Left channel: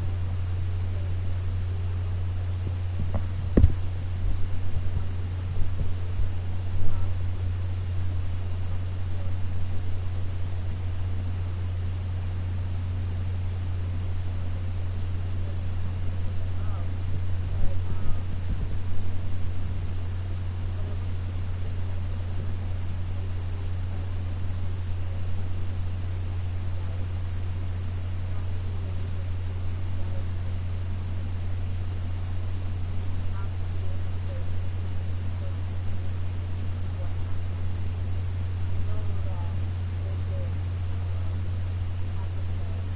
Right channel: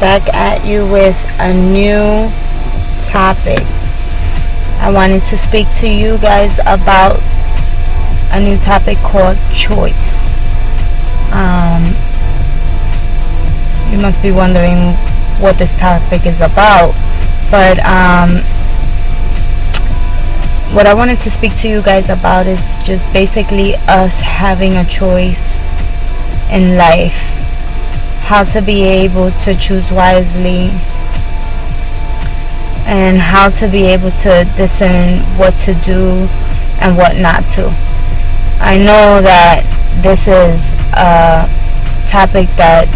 back at you with a new topic. I wanted to speak to you guys about a new topic called choice. You must be wondering what this topic is about, but what I wanted to speak to you guys about is just basically us having a choice in life, how to be able to choose wisely, and how to be able to discern what to do and what not to. I know that this is a topic that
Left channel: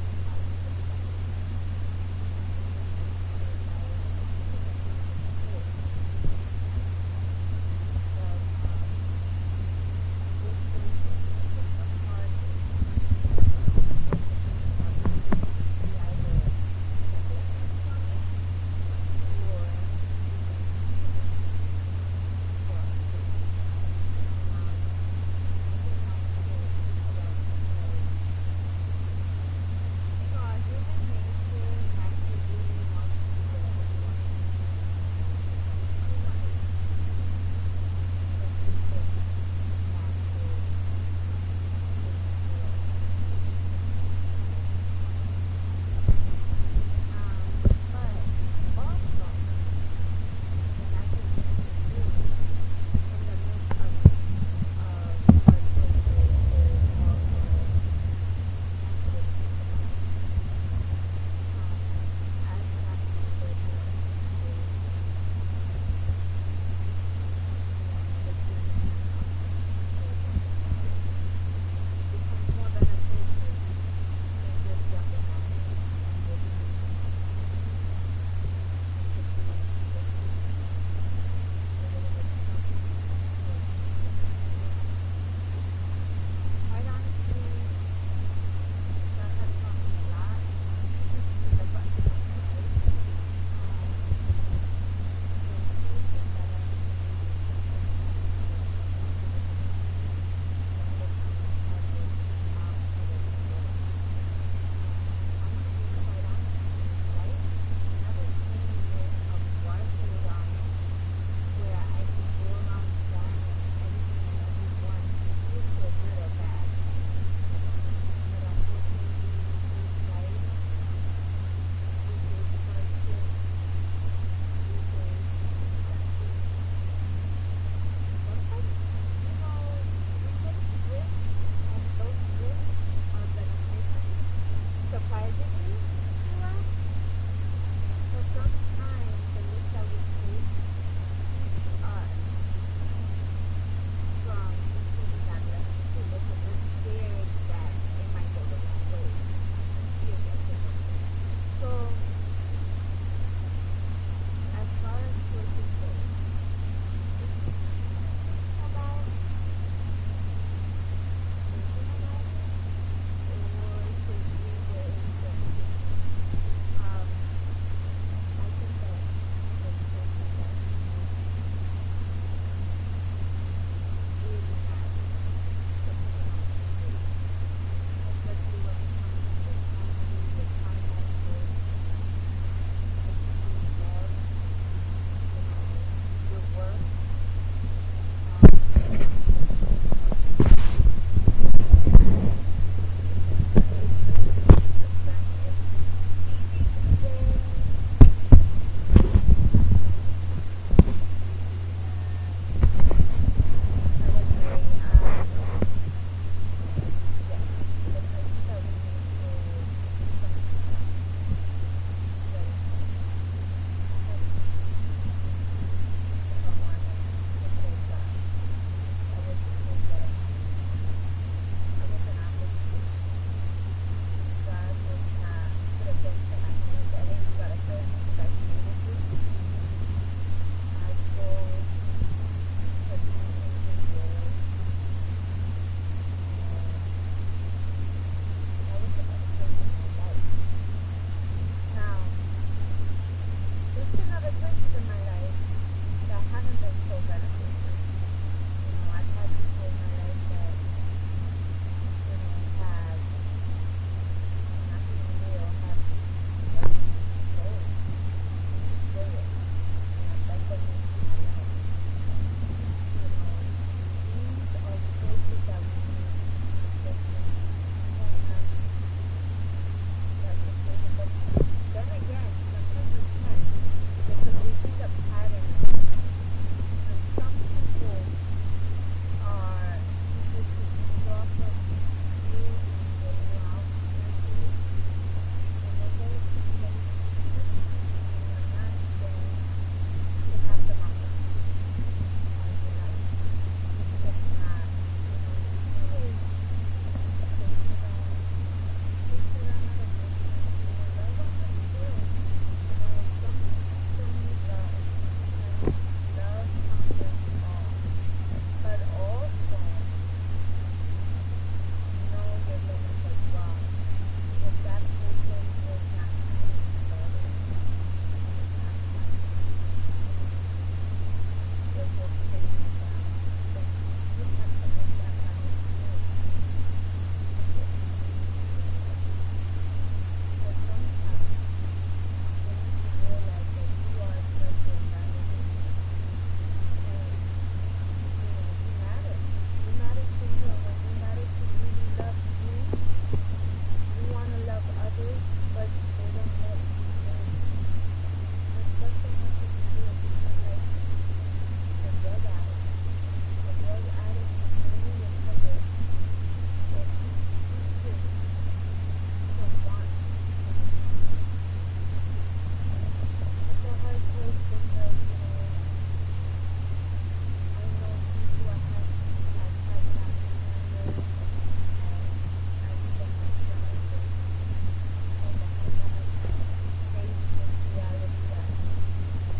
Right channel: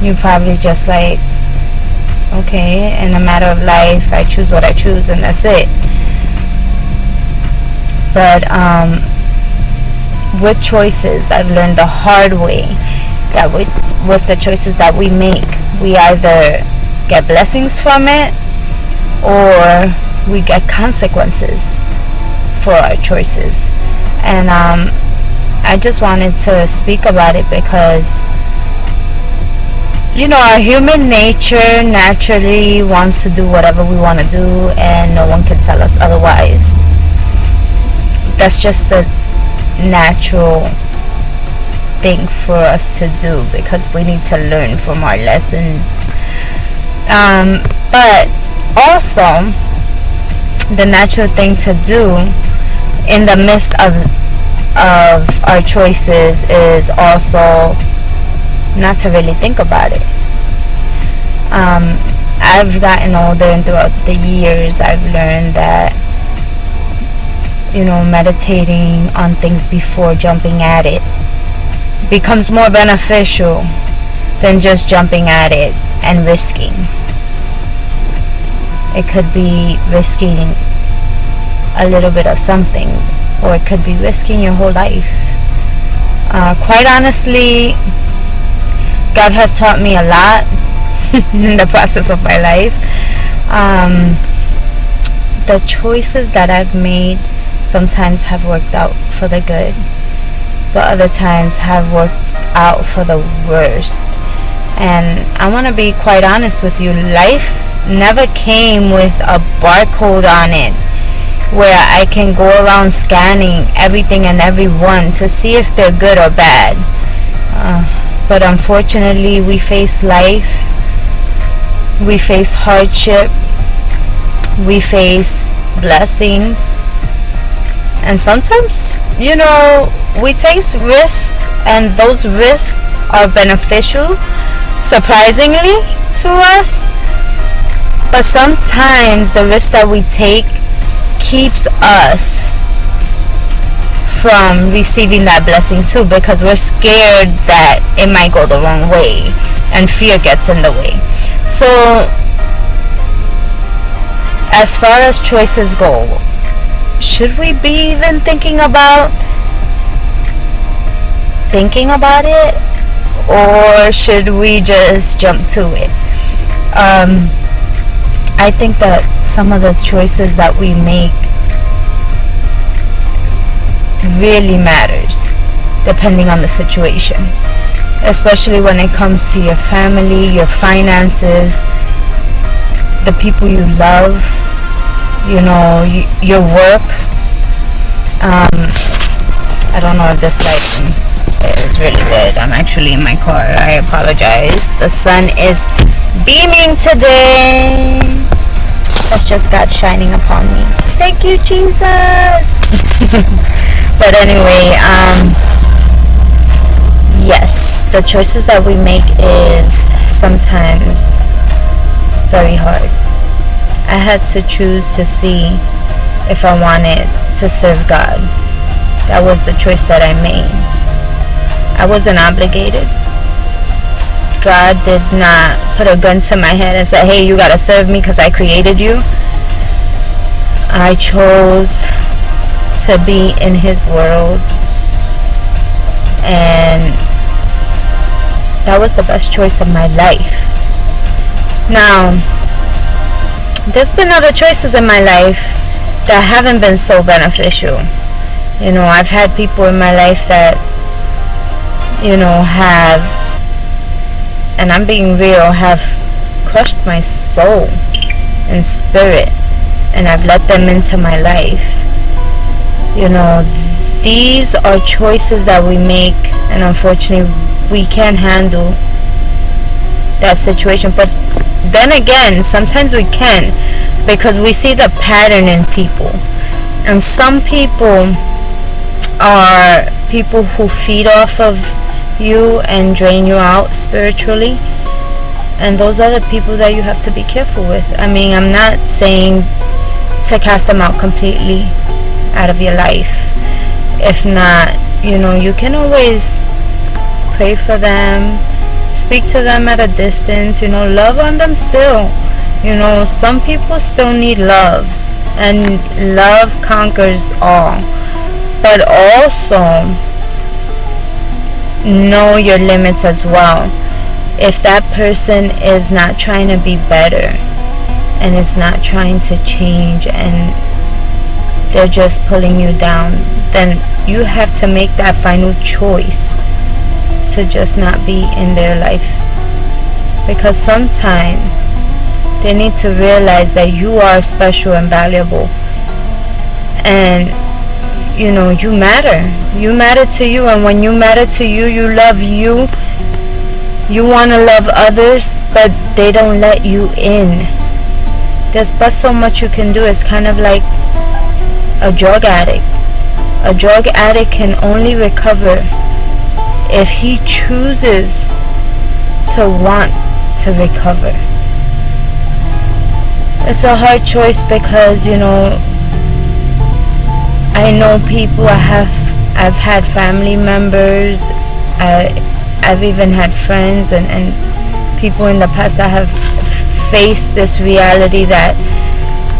you probably just like, okay, in a matter of life, I choose what I choose and that's it. But with choices, I've learned the hard way that with the choices that we make, we either get blessings from it or we get consequences for our choices. And I just wanted to speak about it because, you know, our human nature naturally wants to do whatever we want to do, and no one can tell us otherwise. That's just the natural thing for us to do because we need to learn from our lessons. But also, the natural thing to do in the midst of our choices is also not to really think about it. I've gotten older, and throughout the years I've learned that, you know, meditating on things before jumping at it becomes more beneficial than just jumping at it and risking. It could be risking a little bit of something, or it could be risking your whole life. Quite honestly, God has taught me a lot in the process of my life. The choices that I've made sometimes have worked out for the good, but other times have worked out for the worst. And I want to be quite honest with you, life never came with a barcode on it where I can go around scanning everything and everyone to see if they're good or bad. But unfortunately, we face life, we face hardship, we face blessings, and sometimes, you know, we take risks, and those risks are beneficial, surprisingly, to us. But sometimes the risk that we take keeps us from receiving that blessing too, because we're scared that it might go the wrong way, and fear gets in the way. So, as far as choices go, should we be even thinking about it, or should we just jump to it? I think that some of the choices that we make really matters depending on the situation, especially when it comes to your family, your finances, the people you love, you know, your work. I don't know if this lighting is really good. I'm actually in my car. I apologize. The sun is beaming today. That's just God shining upon me. Thank you, Jesus. But anyway, yes, the choices that we make is sometimes very hard. I had to choose to see if I wanted to serve God. That was the choice that I made. I wasn't obligated. God did not put a gun to my head and say, hey, you gotta serve me because I created you. I chose to be in His world, and that was the best choice of my life. Now, there's been other choices in my life that haven't been so beneficial. You know, I've had people in my life that, you know, have and I'm being real, have crushed my soul and spirit, and I've let them into my life. You know, these are choices that we make, and unfortunately we can't handle that situation. But then again, sometimes we can, because we see the pattern in people. And some people are people who feed off of you and drain you out spiritually, and those are the people that you have to be careful with. I mean, I'm not saying to cast them out completely out of your life. If not, you know, you can always pray for them, speak to them at a distance, you know, love on them still. You know, some people still need love, and love conquers all. But also know your limits as well. If that person is not trying to be better and is not trying to change, and they're just pulling you down, then you have to make that final choice to just not be in their life. Because sometimes they need to realize that you are special and valuable, and you know, you matter. You matter to you, and when you matter to you, you love you. You want to love others, but they don't let you in. There's but so much you can do. It's kind of like a drug addict. A drug addict can only recover if he chooses to want to recover. It's a hard choice, because, you know, I know people, I've had family members, I've even had friends and people in the past that have faced this reality that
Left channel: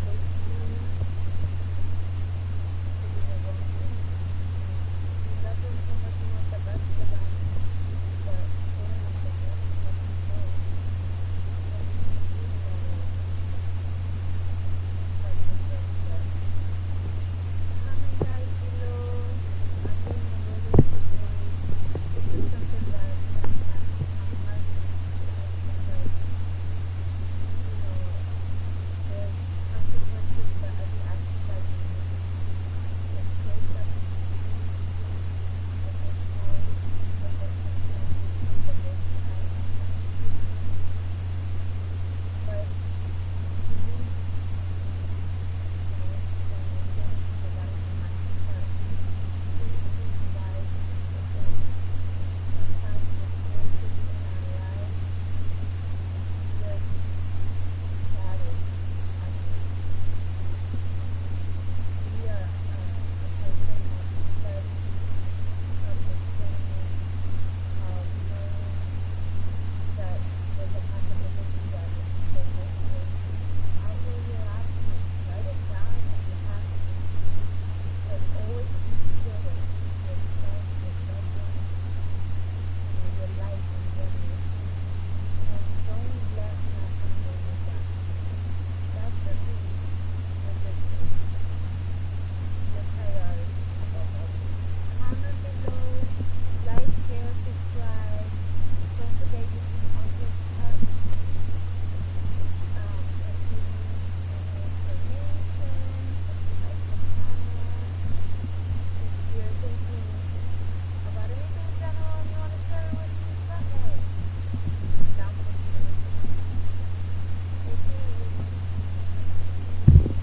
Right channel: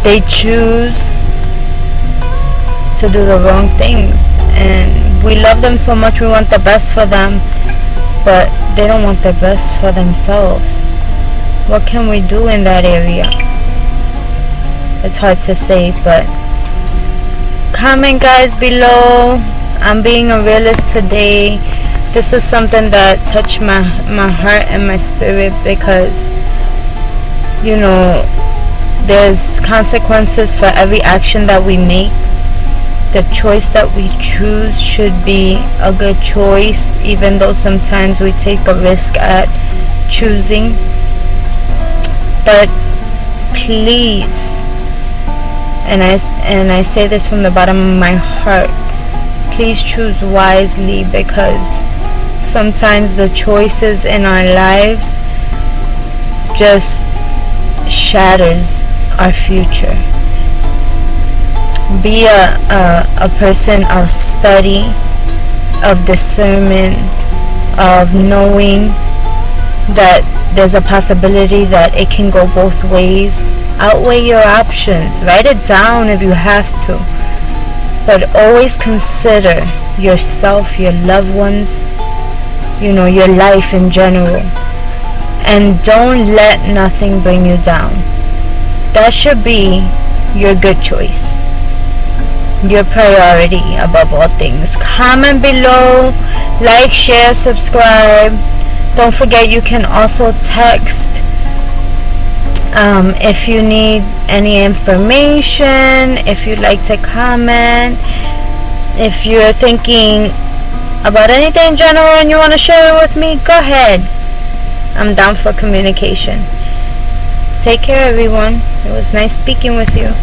they choose to do the wrong things, and we love them so much, we want the best for them, but they don't want the best for themselves. What can we do in that area? It's hard to say, but comment, guys, below. I'm being a realist today. This is something that touched my heart and my spirit, because, you know, there's consequences for every action that we make. The choice that we choose should be a good choice, even though sometimes we take a risk at choosing. But please, and I say this from the bottom of my heart, please choose wisely, because sometimes the choices in our lives just shatters our future. Be a person of study, of discernment, of knowing that there's a possibility that it can go both ways. Outweigh your options. Write it down if you have to. But always consider yourself, your loved ones, you know, your life in general. And don't let nothing bring you down. That should be your good choice, your priority above all things. Comment below, like, share, subscribe. Don't forget, you can also text if you need any information, if you'd like to comment, if you're thinking about anything in general and you want to share it with me, go ahead. I'm down for communication. Take care, everyone. It was nice speaking with you.